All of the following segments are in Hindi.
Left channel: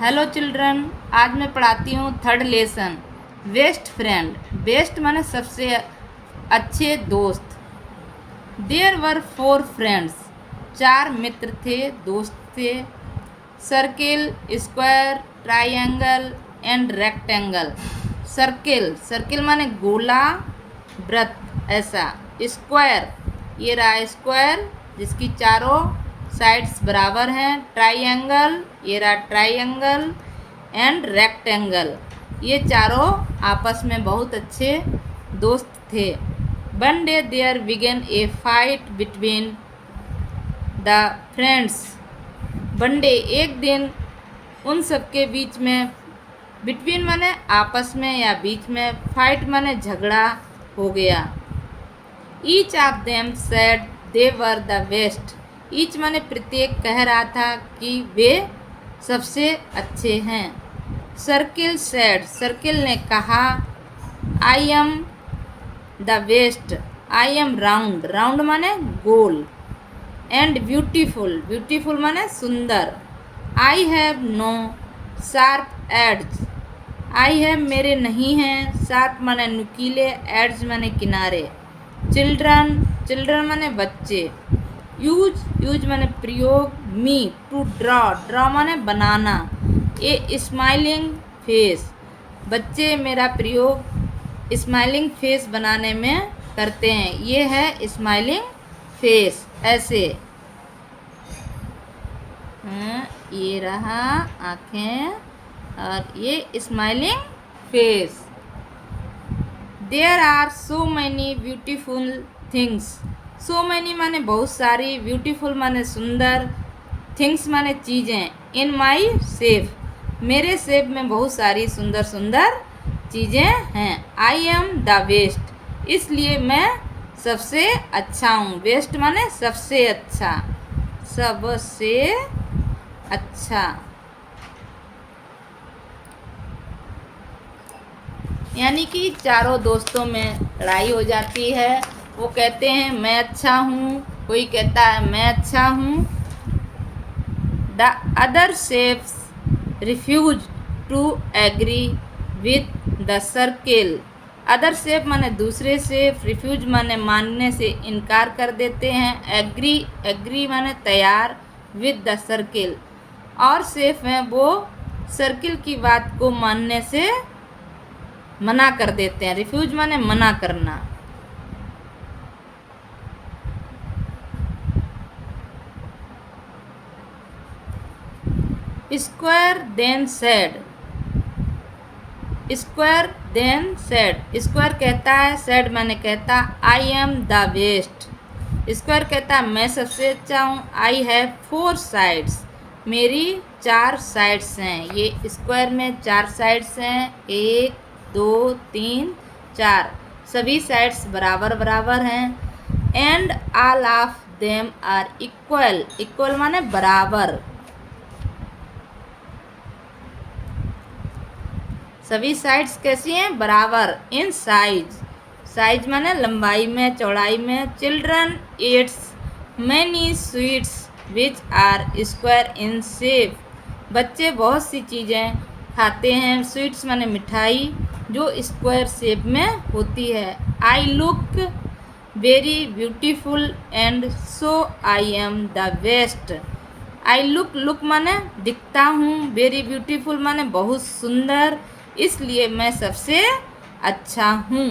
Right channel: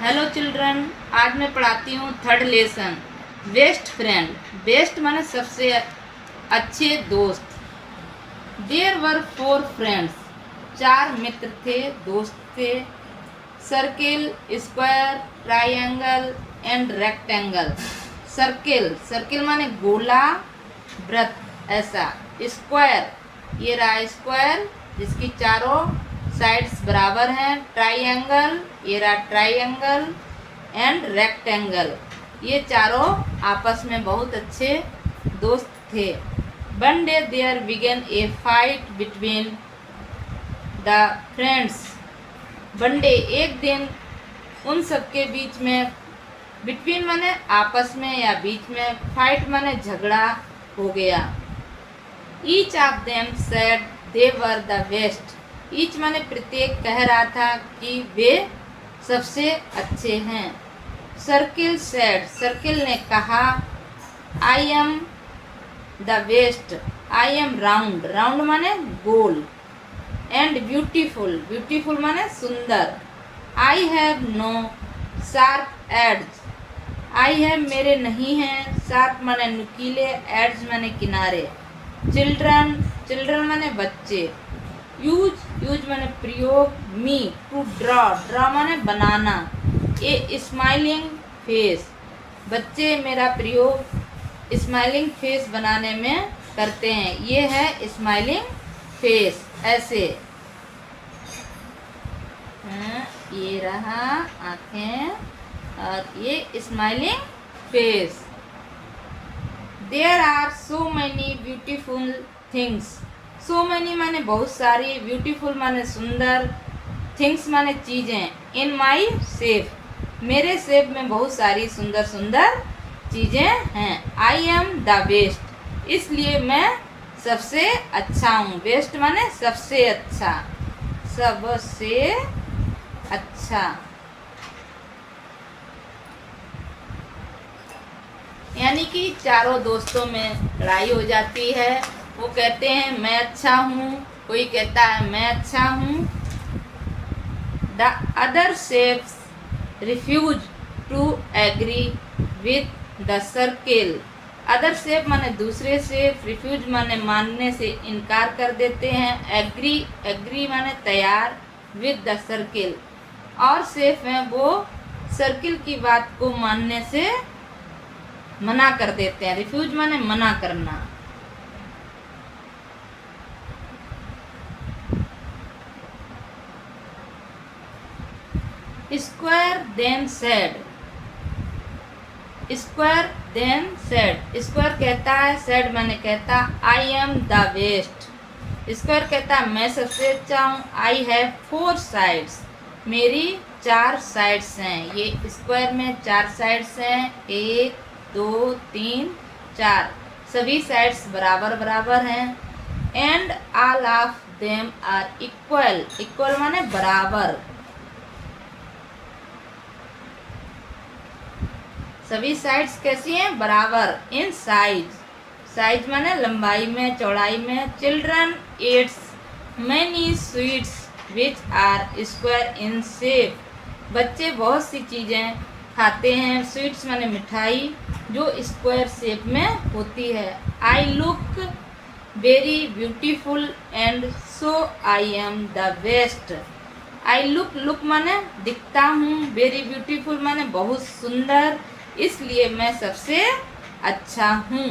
Hello children. आज मैं पढ़ाती हूँ third lesson best friend. Best माने सबसे अच्छे दोस्त। देयर वर 4 फ्रेंड्स, 4 मित्र थे, दोस्त थे। Circle, square, triangle and rectangle. Circle, circle माने गोला, वृत्त ऐसा। स्क्वायर, ये रहा स्क्वायर जिसकी चारों साइड्स बराबर हैं। ट्राइंगल, ये रहा ट्राइंगल एंड रेक्टेंगल, ये चारों आपस में बहुत अच्छे दोस्त थे। One day there began a fight between the friends. One day, एक दिन उन सबके बीच में, बिटवीन माने आपस में या बीच में, फाइट माने झगड़ा हो गया। Each of them said they were the best. Each माने प्रत्येक कह रहा था कि वे सबसे अच्छे हैं। सर्किल सेड, सर्किल ने कहा I am the best. I am round, round माने गोल। एंड ब्यूटीफुल, ब्यूटीफुल माने सुंदर। I have no sharp edges. I have मेरे नहीं हैं, शार्प माने नुकीले, एड्स माने किनारे। चिल्ड्रन, चिल्ड्रन माने बच्चे। यूज, यूज माने प्रयोग। मी, टू ड्रॉ, ड्रॉ माने बनाना। ए स्माइलिंग फेस, बच्चे मेरा प्रयोग स्माइलिंग फेस बनाने में करते हैं। ये है स्माइलिंग फेस, ऐसे। ये रहा आँखें और ये smiling face. There are so many beautiful things. So many माने बहुत सारी, ब्यूटीफुल माने सुंदर, थिंग्स माने चीज़ें। इन माई सेफ, मेरे सेफ में बहुत सारी सुंदर सुंदर चीज़ें हैं। आई एम द बेस्ट, इसलिए मैं सबसे अच्छा हूँ। बेस्ट माने सबसे अच्छा, सबसे अच्छा। यानी कि चारों दोस्तों में लड़ाई हो जाती है। वो कहते हैं मैं अच्छा हूँ, कोई कहता है मैं अच्छा हूँ। The other shapes refuse to agree with the circle. Other shape माने दूसरे शेफ, रिफ्यूज माने मानने से इनकार कर देते हैं। एग्री, एग्री माने तैयार, विद द सर्किल, और शेफ हैं वो सर्किल की बात को मानने से मना कर देते हैं। रिफ्यूज माने मना करना। Square then said, square then said, square कहता है, सेड मैंने कहता I am the best. Square कहता है मैं सबसे अच्छा हूँ। आई हैव 4 साइड्स, मेरी 4 साइड्स हैं। ये स्क्वायर में 4 साइड्स हैं, 1 2 3 4, सभी साइड्स बराबर बराबर हैं। And all of them are equal, equal माने बराबर। सभी साइड्स कैसी हैं? बराबर। इन साइज, साइज माने लंबाई में, चौड़ाई में। Children eats many sweets which are square in shape. बच्चे बहुत सी चीज़ें खाते हैं, स्वीट्स माने मिठाई, जो स्क्वायर शेप में होती है। I look very beautiful and so I am the best. I look, look माने दिखता हूँ, वेरी ब्यूटीफुल माने बहुत सुंदर, इसलिए मैं सबसे अच्छा हूँ।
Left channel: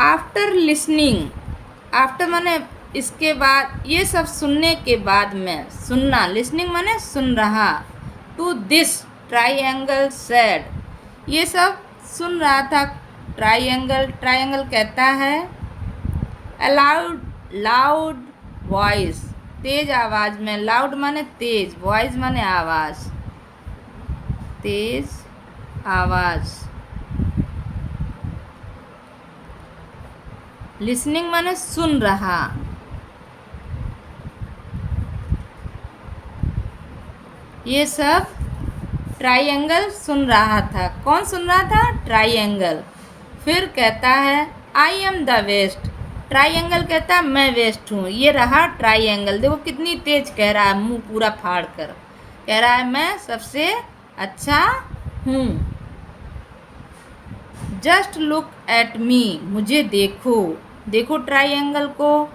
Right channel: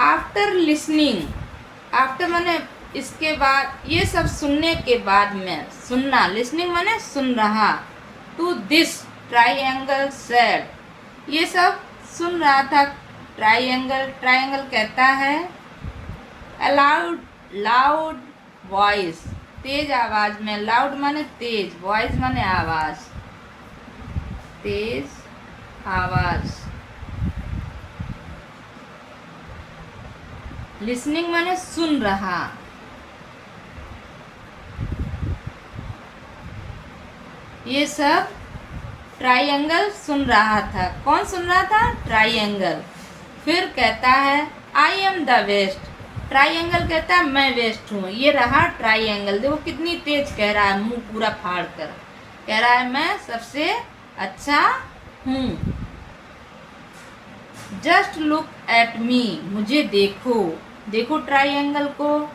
आफ्टर लिसनिंग, आफ्टर माने इसके बाद, ये सब सुनने के बाद में, सुनना, लिसनिंग माने सुन रहा। टू दिस ट्राइंगल सेड, ये सब सुन रहा था। ट्राइंगल, ट्राइंगल कहता है अलाउड, लाउड वॉइस, तेज आवाज में। लाउड माने तेज, वॉइस माने आवाज, तेज आवाज। लिसनिंग माने सुन रहा। ये सब ट्राइंगल सुन रहा था। कौन सुन रहा था? ट्राइंगल। फिर कहता है आई एम द बेस्ट। ट्राइंगल कहता है मैं बेस्ट हूँ। ये रहा ट्राइंगल, देखो कितनी तेज कह रहा है, मुंह पूरा फाड़ कर कह रहा है मैं सबसे अच्छा हूँ। जस्ट लुक एट मी, मुझे देखो, देखो ट्राइंगल को,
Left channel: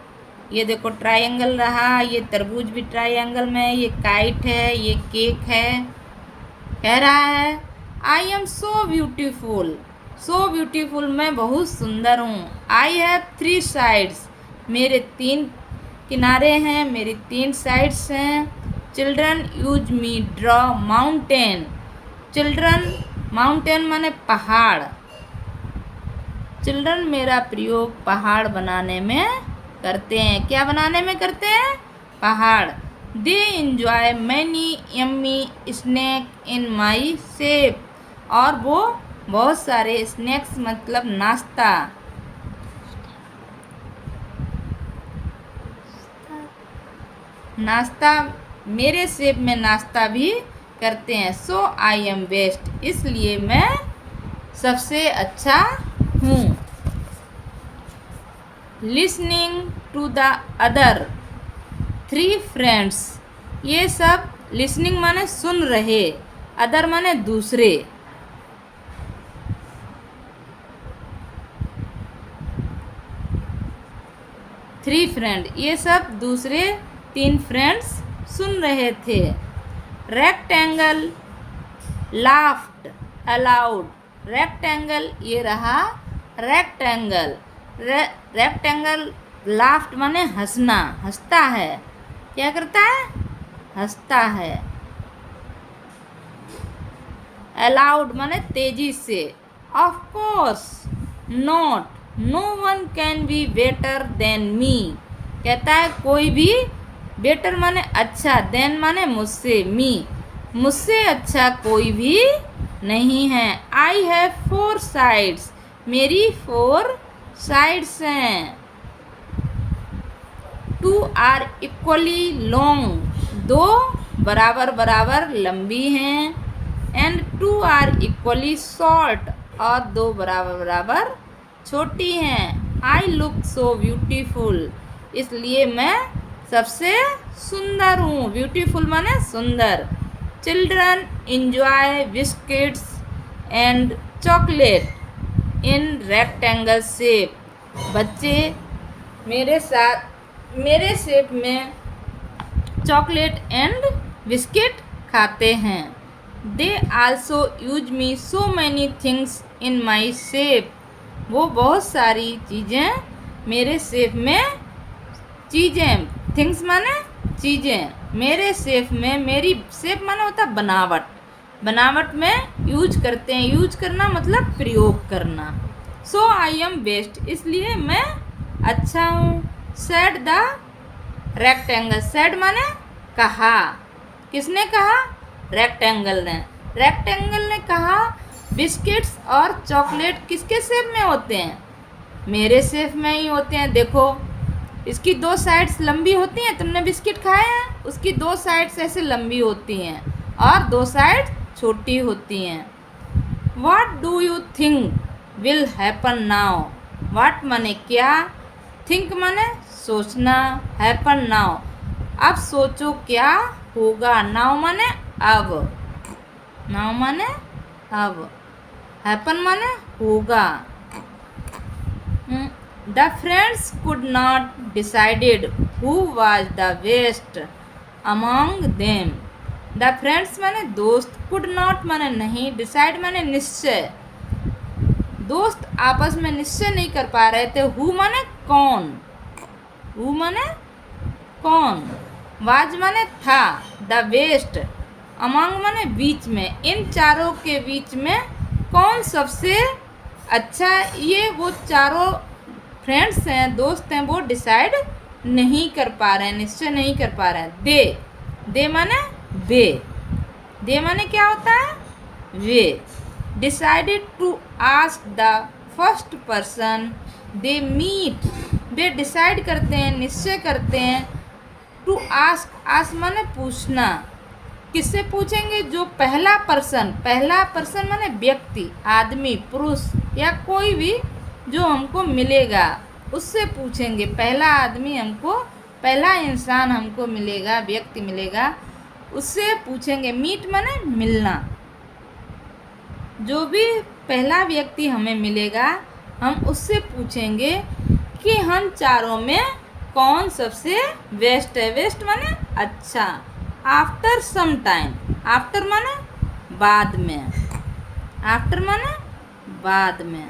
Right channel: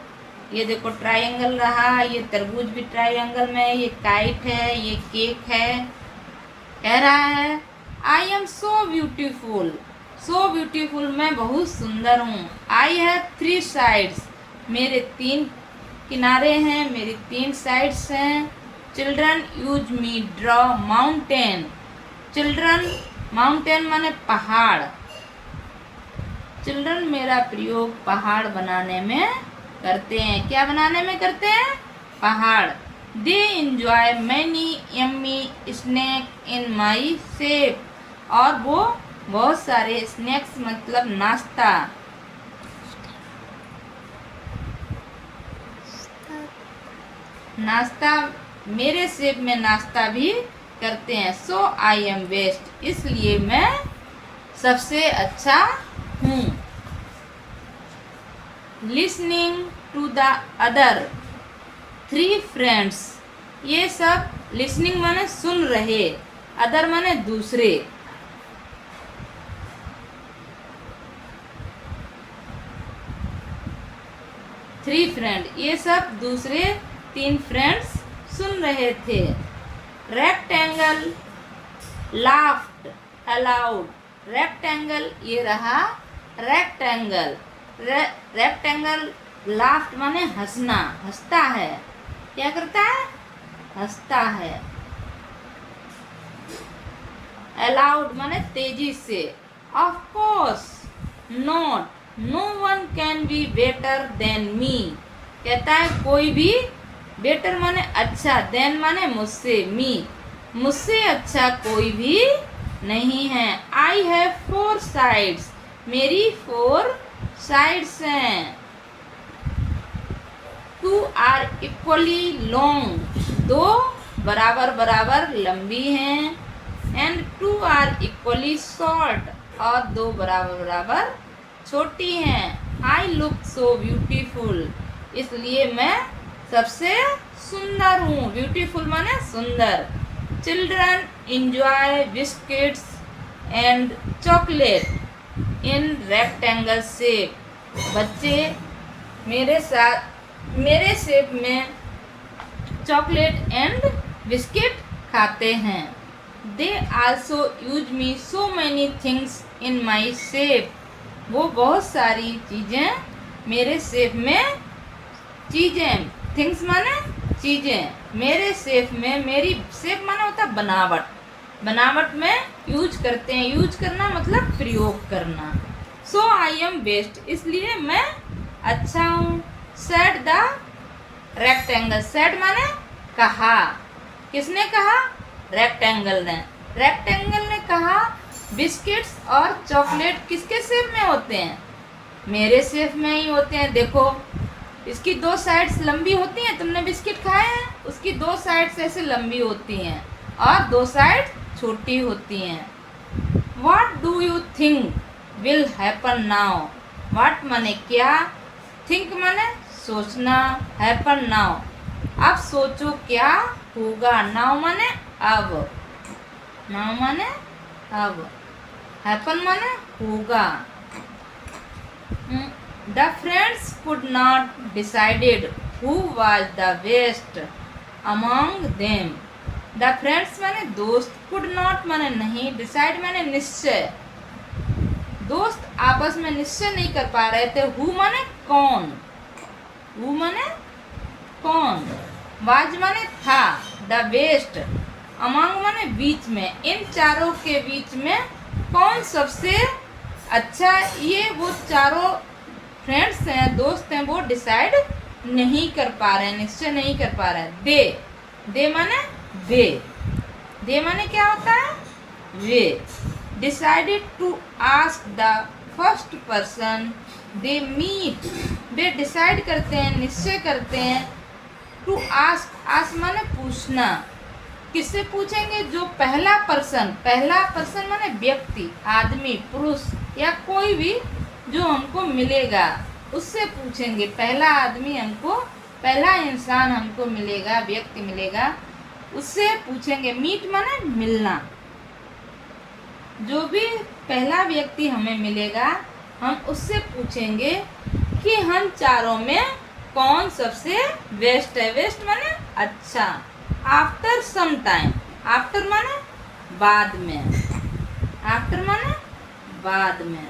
ये देखो ट्राइंगल रहा, ये तरबूज भी ट्राइंगल में, ये काइट है, ये केक है। कह रहा है I am so beautiful, so beautiful, मैं बहुत सुंदर हूँ। आई हैव 3 साइड्स, मेरे 3 किनारे हैं, मेरी 3 साइड्स हैं। Children use me draw mountain, children mountain माने पहाड़, चिल्ड्रन मेरा प्रयोग पहाड़ बनाने में करते हैं। क्या बनाने में करते हैं? पहाड़। They enjoy many yummy snack in my shape, और वो बहुत सारे स्नैक्स मतलब नाश्ता, नाश्ता मेरे शेप में नाश्ता भी करते हैं। सो आई एम बेस्ट, इसलिए मैं सबसे अच्छा हूँ। Listening to the other 3 friends, ये सब लिसनिंग माने सुन रहे, अदर माने दूसरे। थ्री फ्रेंड, ये सब दूसरे 3 फ्रेंड्स सुन रहे थे। रेक्टेंगल लाफ्ड अलाउड, रेक्टेंगल ये रहा रेक्टेंगल, रेक्टेंगल लाफ्ड माने हंसना, हंसता है। क्या करता है? हंसता है। अलाउड माने तेजी से। Of course not, no one can be better than me, कहता है कोई भी, बेटर माने अच्छा, देन माने मुझसे, मी मुझसे अच्छा कोई भी नहीं है। आई हैव 4 साइड्स, मेरी 4 साइड्स हैं। 2 आर इक्वली लॉन्ग, 2 बराबर बराबर लंबी हैं। एंड 2 आर इक्वली शॉर्ट, और 2 बराबर बराबर छोटी हैं। आई लुक सो ब्यूटीफुल, इसलिए मैं सबसे सुंदर हूँ। ब्यूटीफुल माने सुंदर। Children enjoy biscuits and chocolate in rectangle shape, बच्चे मेरे साथ मेरे शेप में चॉकलेट एंड बिस्किट खाते हैं। They also use me so many things in my shape, वो बहुत सारी चीज़ें मेरे शेप में, चीज़ें थिंग्स माने चीज़ें, मेरे शेप में, मेरी शेप माने होता है बनावट, बनावट में यूज करते हैं। यूज करना मतलब प्रयोग करना। सो आई एम बेस्ट, इसलिए मैं अच्छा हूँ। सेड द रेक्टेंगल, सेड माने कहा, किसने कहा? रेक्टेंगल ने, रेक्टेंगल ने कहा बिस्किट्स और चॉकलेट किसके शेप में होते हैं? मेरे शेप में ही होते हैं। देखो इसकी 2 साइड्स लंबी होती हैं, तुमने बिस्किट खाए हैं, उसकी 2 साइड्स ऐसे लंबी होती हैं और 2 साइड छोटी होती हैं। What do you think will happen now, what माने क्या, थिंक माने सोचना, हैपन नाउ अब सोचो क्या होगा, नाउ माने अब, नाउ माने अब, हैपन माने होगा। The friends could not decided who was the best among them, the friends माने दोस्त, कुड नॉट माने नहीं, डिसाइड माने निश्चय, दोस्त आपस में निश्चय नहीं कर पा रहे थे। हु माने कौन, हु माने कौन, वाज माने था, द बेस्ट अमॉन्ग माने बीच में, इन चारों के बीच में कौन सबसे अच्छा, ये वो चारों फ्रेंड्स हैं, दोस्त हैं, वो डिसाइड नहीं कर पा रहे हैं, निश्चय नहीं कर पा रहे हैं। दे माने वे, दे माने क्या होता है? We. Decided to ask the first person they meet, वे डिसाइड करते हैं, निश्चय करते हैं। टू आस्क, आस्क माने पूछना, किससे पूछेंगे? जो पहला पर्सन माने व्यक्ति, आदमी, पुरुष या कोई भी जो हमको मिलेगा, उससे पूछेंगे। पहला आदमी हमको, पहला इंसान हमको मिलेगा, व्यक्ति मिलेगा, उससे पूछेंगे। मीट माने मिलना। जो भी पहला व्यक्ति हमें मिलेगा, हम उससे पूछेंगे कि हम चारों में कौन सबसे बेस्ट है। बेस्ट माने अच्छा। आफ्टर सम टाइम, आफ्टर माने बाद में, आफ्टर माने बाद में,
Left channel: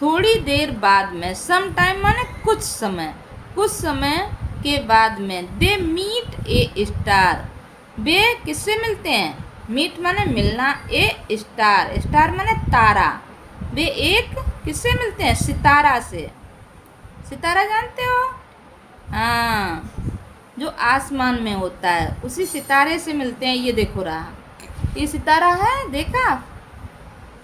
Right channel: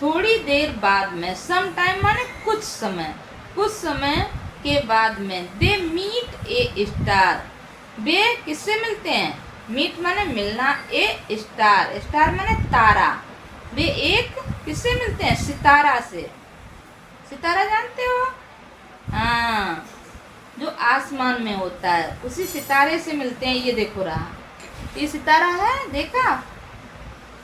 थोड़ी देर बाद में। सम टाइम माने कुछ समय, कुछ समय के बाद में। दे मीट ए स्टार, वे किससे मिलते हैं? मीट माने मिलना, ए स्टार, स्टार माने तारा। वे एक किससे मिलते हैं? सितारा से। सितारा जानते हो? हाँ, जो आसमान में होता है, उसी सितारे से मिलते हैं। ये देखो रहा, ये सितारा है, देखा?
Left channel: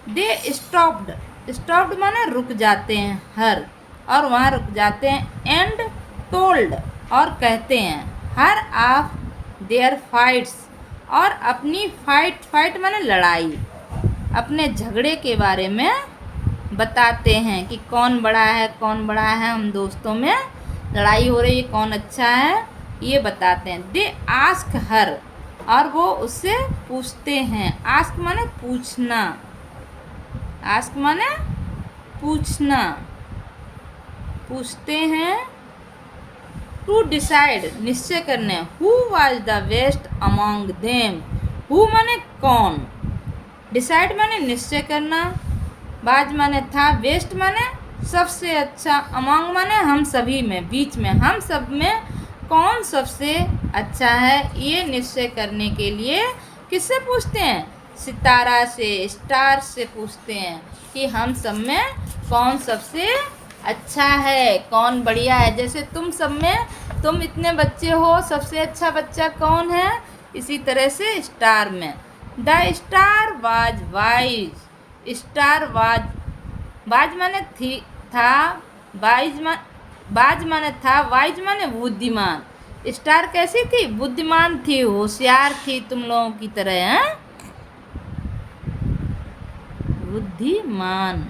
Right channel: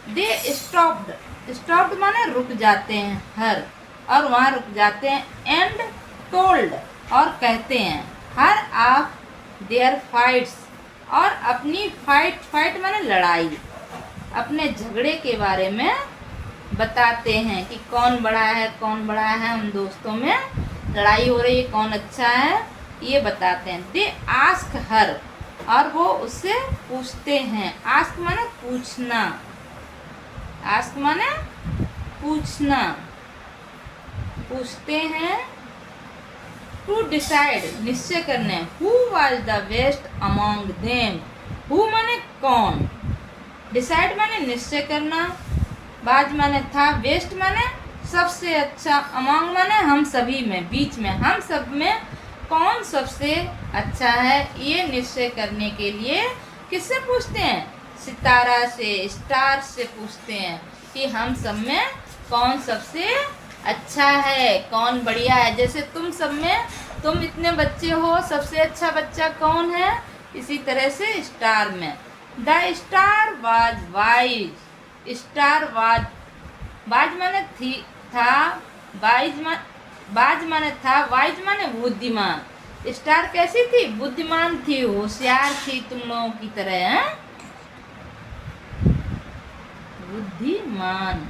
दे स्टॉप्ड, स्टॉप्ड माने रुक जाते हैं, हर, और वहाँ रुक जाते हैं। एंड टोल्ड, और कहते हैं। हर ऑफ देयर फाइट्स, और अपनी फाइट, फाइट माने लड़ाई, अपने झगड़े के बारे में बताते हैं कि कौन बड़ा है, कौन बड़ा है। हम दोस्तों में लड़ाई हो रही है, कौन अच्छा है, ये बताते हैं। दे आस्क हर, और वो उससे पूछते हैं। आस्क माने पूछना, आस्क माने पूछना, पूछते हैं। टू डिसाइड, निश्चय करने। Who was the best among them, who माने कौन, डिसाइड माने निश्चय करना, बाज माने था, बेस्ट माने सबसे अच्छा, अमॉन्ग माने हम सभी में, बीच में, हम सब में कौन सबसे अच्छा है। ये निश्चय करने के लिए किससे पूछते हैं? सितारा से, स्टार से पूछते हैं कि हम सब में कौन सबसे अच्छा है, कौन बढ़िया है। जैसे तुम सब में, तुम इतने बच्चे हो, सबसे अच्छा बच्चा कौन है, इसी तरह से स्टार में। The star was wise, star was, was माने थी, था, बाज माने था, वाइज माने बुद्धिमान। स्टार कैसी थी? बुद्धिमान थी, होशियार थी, तुम लोगों की तरह है, बुद्धिमान।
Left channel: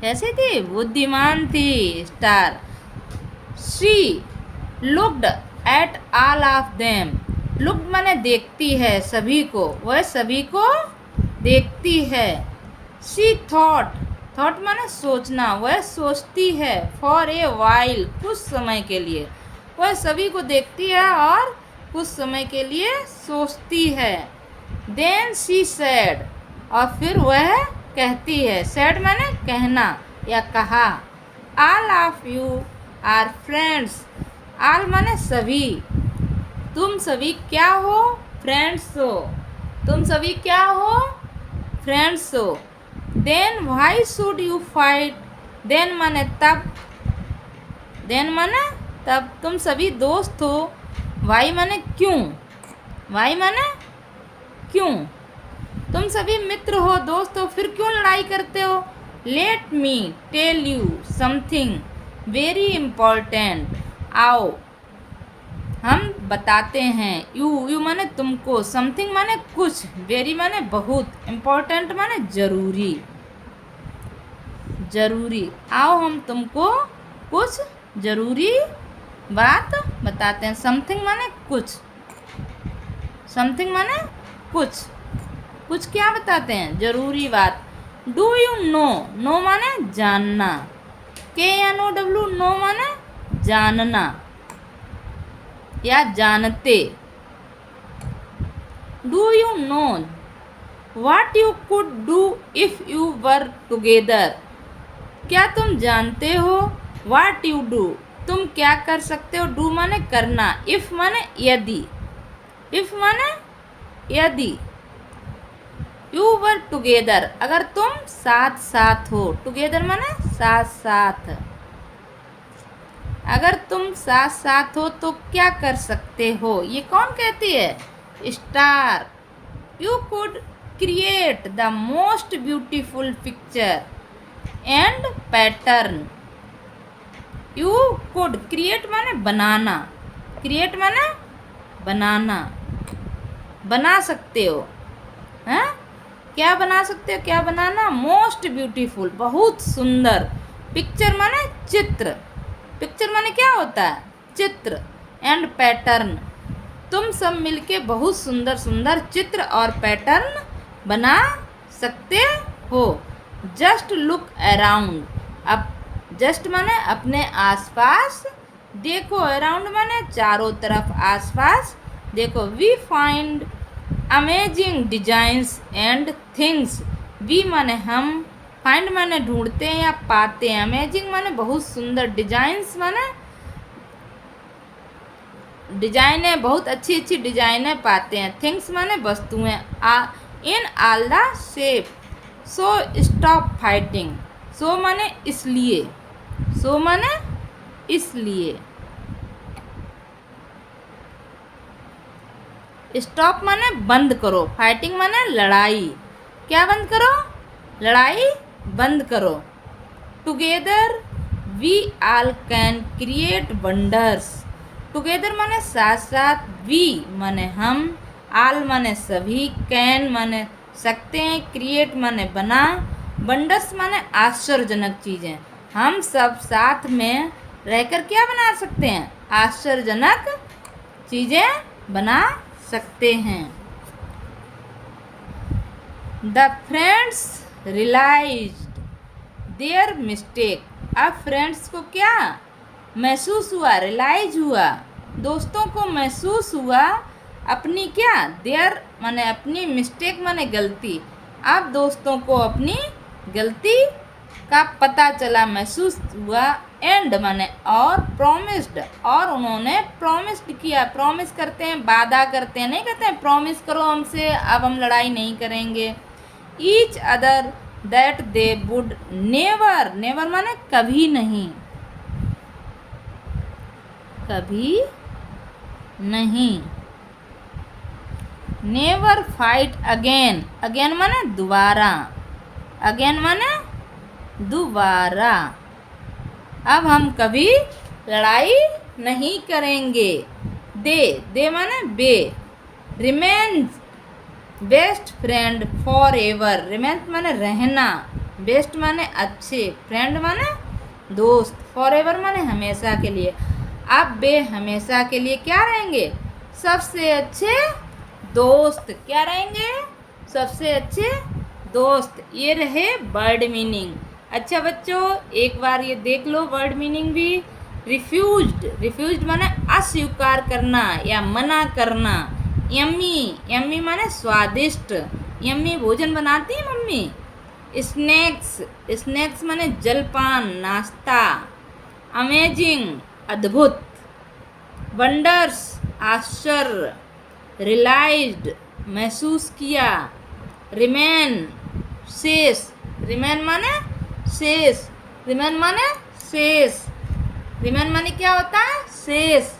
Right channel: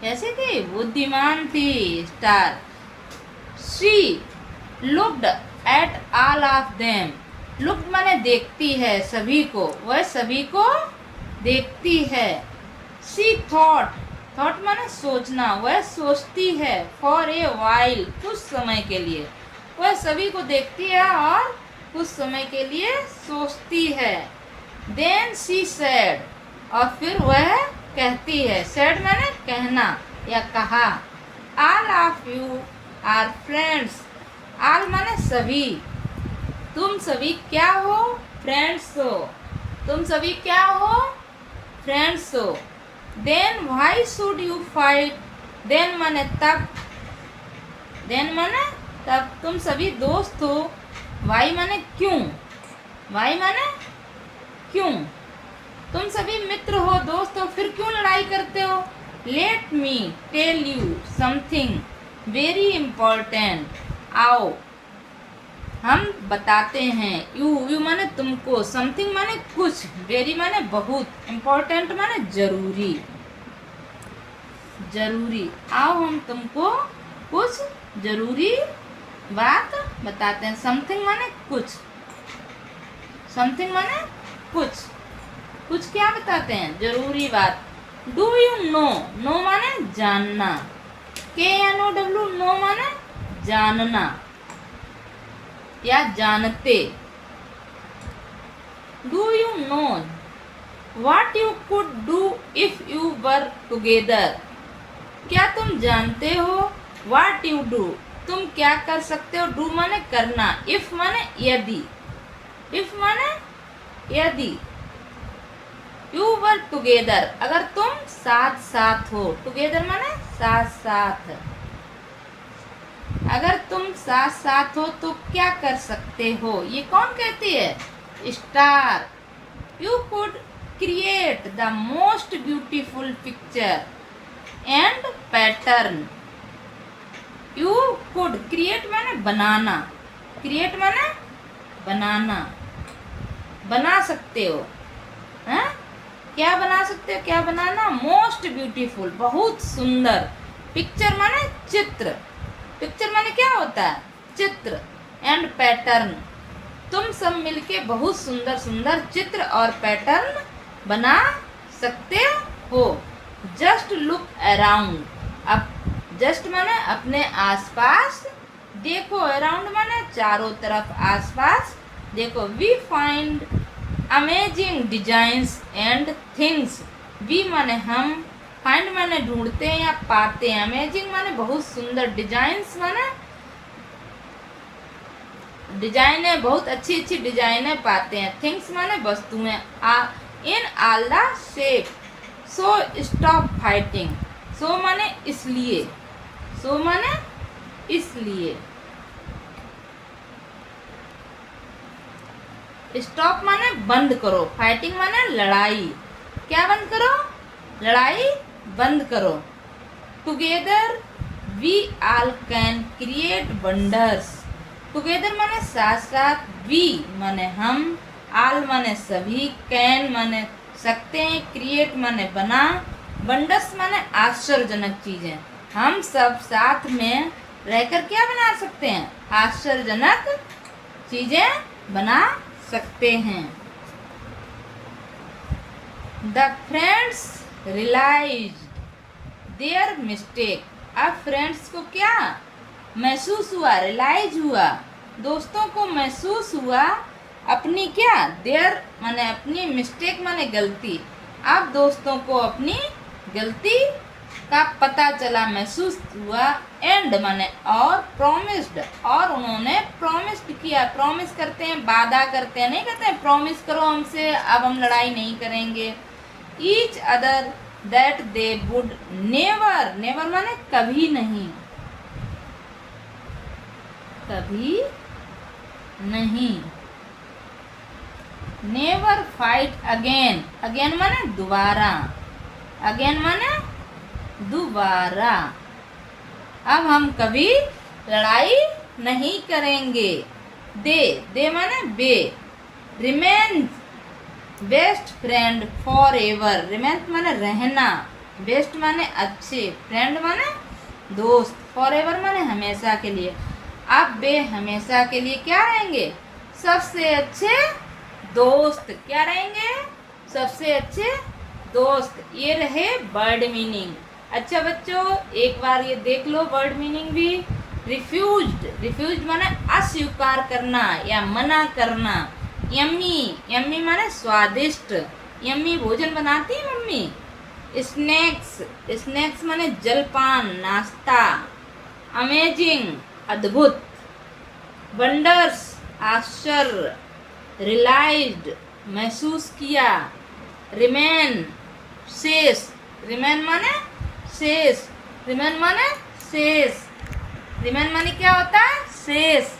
कैसी थी? बुद्धिमान थी star. She looked at all of them, looked माने देखती है सभी को, वह सभी को देखती है। शी थॉट, थॉट माने सोचना, वह सोचती है। फॉर ए वाइल, कुछ समय के लिए, वह सभी को देखती है और कुछ समय के लिए सोचती है। देन शी सेड, और फिर वह कहती है। सेड माने कहना या कहा। All of you are friends, all माने सभी, तुम सभी क्या हो? फ्रेंड्स हो, तुम सभी क्या हो? फ्रेंड्स हो। Then why should you fight, then माने तब, देन माने तब, तुम सभी दोस्त हो। वाई माने क्यों, वाई माने क्यों, तुम सभी मित्र हो, दोस्त हो, फिर क्यों लड़ाई करते हो? Let me tell you something very important, आओ हम बताते हैं। यू माने तुमको, समथिंग माने कुछ, वेरी माने बहुत, इम्पोर्टेंट माने जरूरी, जरूरी। आओ हम तुमको कुछ जरूरी बात बताते हैं। समथिंग माने कुछ, समथिंग माने कुछ, कुछ क्या बताते हैं? जरूरी बात। डू यू नो, नो माने जानना, KNOW, नो माने जानना या जानते। Do you know what you could do if you were together, क्या तुम जानते हो? व्हाट यू डू, तुम क्या कर सकते हो? डू माने करना, इफ माने यदि, इफ माने यदि। यू वर टुगेदर, अगर तुम साथ साथ हो, टुगेदर माने साथ साथ, अगर तुम साथ साथ हो तो क्या कर सकते हो? ये कौन कहती है? Star. You could create the most beautiful picture and pattern, you could, create माने बनाना, क्रिएट माने बनाना, बना सकते हो, हैं? क्या बना सकते हो, क्या बनाना, मोस्ट ब्यूटीफुल, बहुत सुंदर। पिक्चर माने चित्र, पिक्चर माने क्या होता है, चित्र। एंड पैटर्न, तुम सब मिलके बहुत सुंदर सुंदर चित्र और पैटर्न बना सकते हो। जस्ट लुक अराउंड, अब जस्ट माने अपने आसपास देखो, अराउंड माने चारों तरफ, आसपास देखो। We find amazing designs and things, we माने हम, फाइंड माने ढूंढते हैं या पाते हैं, अमेजिंग माने बहुत सुंदर, डिजाइंस माने डिजाइनें, बहुत अच्छी अच्छी डिजाइनें पाते हैं, थिंग्स माने वस्तुएं, in all the shape. So stop fighting, so माने इसलिए, सो माने इसलिए, स्टॉप माने बंद करो, फाइटिंग माने लड़ाई, क्या बंद करो, लड़ाई बंद करो। Together we all can create wonders, together माने साथ साथ, वी माने हम, ऑल माने सभी, कैन माने सकते हैं, क्रिएट माने बना, वंडर्स माने आश्चर्यजनक चीज़ें। हम सब साथ में रहकर क्या बना सकते हैं, आश्चर्यजनक चीज़ें बना सकते हैं। The friends realized their mistake, अब फ्रेंड्स को क्या महसूस हुआ, रियलाइज हुआ, दोस्तों को महसूस हुआ अपनी क्या, देयर माने अपनी, मिस्टेक माने गलती, अब दोस्तों को अपनी गलती का पता चला, महसूस हुआ। एंड माने और, प्रॉमिस्ड और उन्होंने प्रॉमिस्ड किया, प्रॉमिस करते हैं, वादा करते हैं, नहीं कहते हैं प्रॉमिस करो हमसे अब हम लड़ाई नहीं करेंगे। Each other that they would never, never माने कभी नहीं, कभी नहीं, नेवर फाइट अगेन, अगेन माने दोबारा, अगेन माने दोबारा, अब हम कभी लड़ाई नहीं करेंगे। दे, दे माने बे, remain best friend forever, remain माने रहना, बेस्ट माने अच्छे, फ्रेंड माने दोस्त, फॉर एवर माने हमेशा के लिए। अब वे हमेशा के लिए क्या रहेंगे, सबसे अच्छे दोस्त, क्या रहेंगे, सबसे अच्छे दोस्त। ये रहे वर्ड मीनिंग। अच्छा बच्चों, एक बार ये देख लो वर्ड मीनिंग भी। रिफ्यूज्ड, रिफ्यूज्ड माने अस्वीकार करना या मना करना। यम्मी, यम्मी माने स्वादिष्ट, यम्मी भोजन बनाती है मम्मी। स्नैक्स, स्नैक्स माने जलपान, नाश्ता। अमेजिंग, अद्भुत। वंडर्स, आश्चर्य। रियलाइज्ड, महसूस किया। रिमेन, शेष, रिमेन माने शेष, रिमेन माने शेष, रिमेन माने क्या होता है, शेष।